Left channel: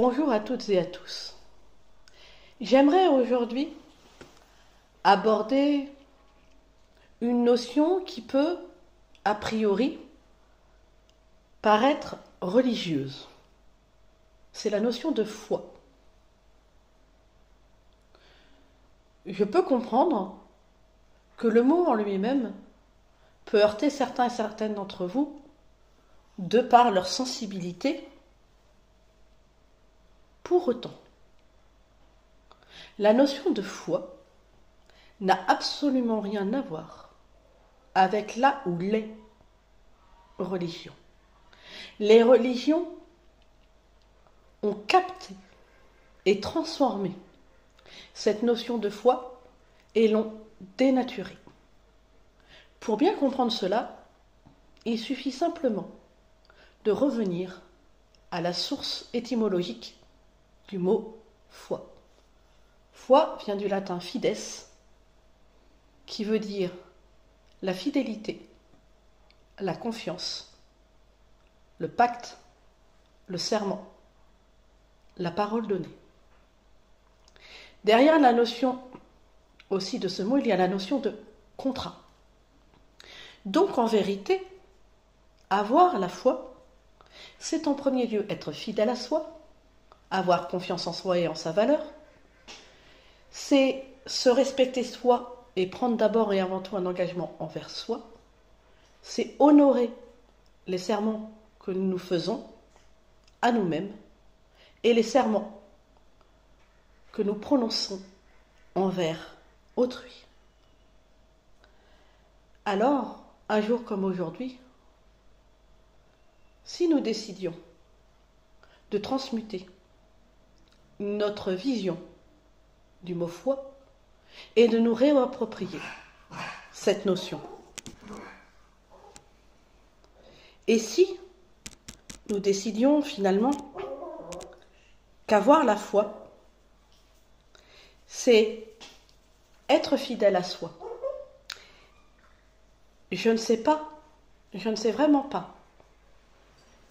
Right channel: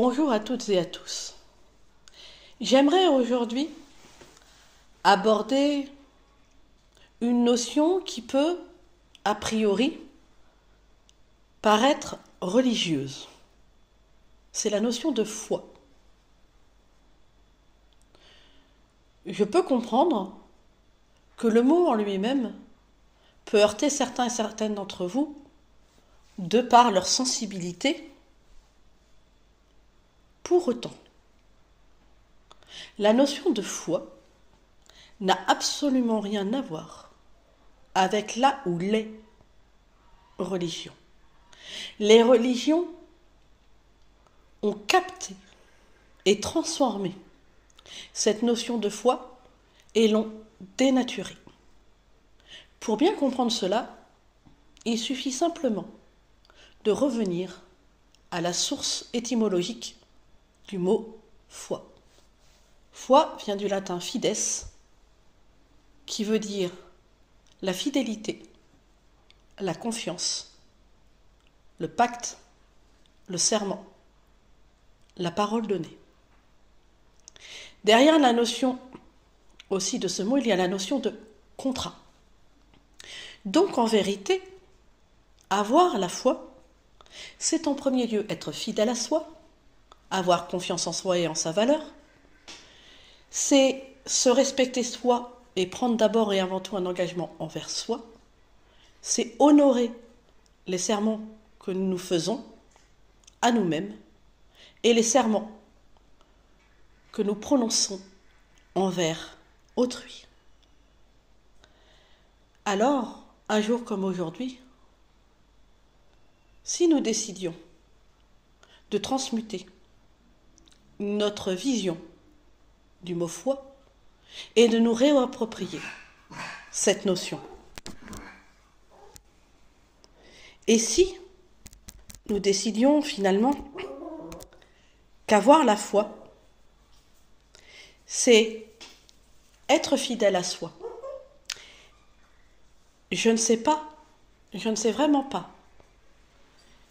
Bonjour à toutes et à tous. J'aimerais aujourd'hui aborder une notion qui peut, a priori, paraître religieuse. C'est la notion de foi. Je peux comprendre que le mot en lui-même peut heurter certains et certaines d'entre vous de par leur sensibilité. Pour autant, la notion de foi n'a absolument rien à voir avec la ou les religions. Les religions ont capté et transformé cette notion de foi et l'ont dénaturée. Pour bien comprendre cela, il suffit simplement de revenir à la source étymologique du mot foi. Foi vient du latin fides, qui veut dire la fidélité, la confiance, le pacte, le serment, la parole donnée. Derrière la notion aussi de ce mot, il y a la notion de contrat. Donc en vérité, avoir la foi, c'est en premier lieu être fidèle à soi, avoir confiance en soi et en sa valeur, c'est se respecter soi et prendre d'abord et avant tout un engagement envers soi, c'est honorer les serments que nous nous faisons à nous-mêmes et les serments que nous prononçons envers autrui. Alors, un jour comme aujourd'hui, si nous décidions de transmuter notre vision du mot foi et de nous réapproprier cette notion. Et si nous décidions finalement qu'avoir la foi, c'est être fidèle à soi. Je ne sais vraiment pas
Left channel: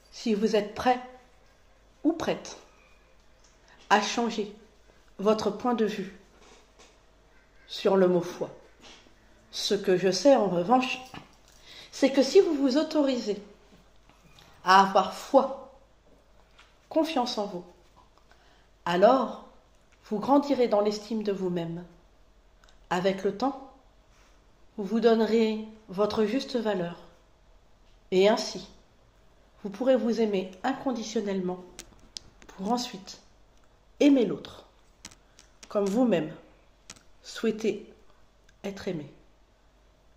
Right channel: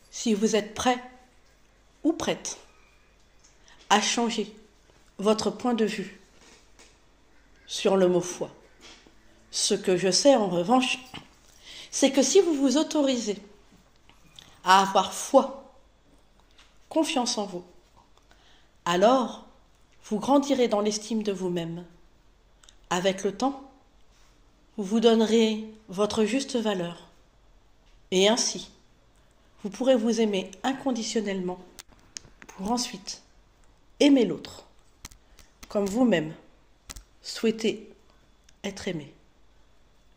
si vous êtes prêt ou prête à changer votre point de vue sur le mot foi. Ce que je sais en revanche, c'est que si vous vous autorisez à avoir foi, confiance en vous, alors vous grandirez dans l'estime de vous-même. Avec le temps, vous vous donnerez votre juste valeur et ainsi, vous pourrez vous aimer inconditionnellement pour ensuite aimer l'autre comme vous-même souhaitez être aimé.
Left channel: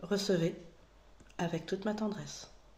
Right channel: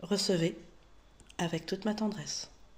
Recevez avec toute ma tendresse.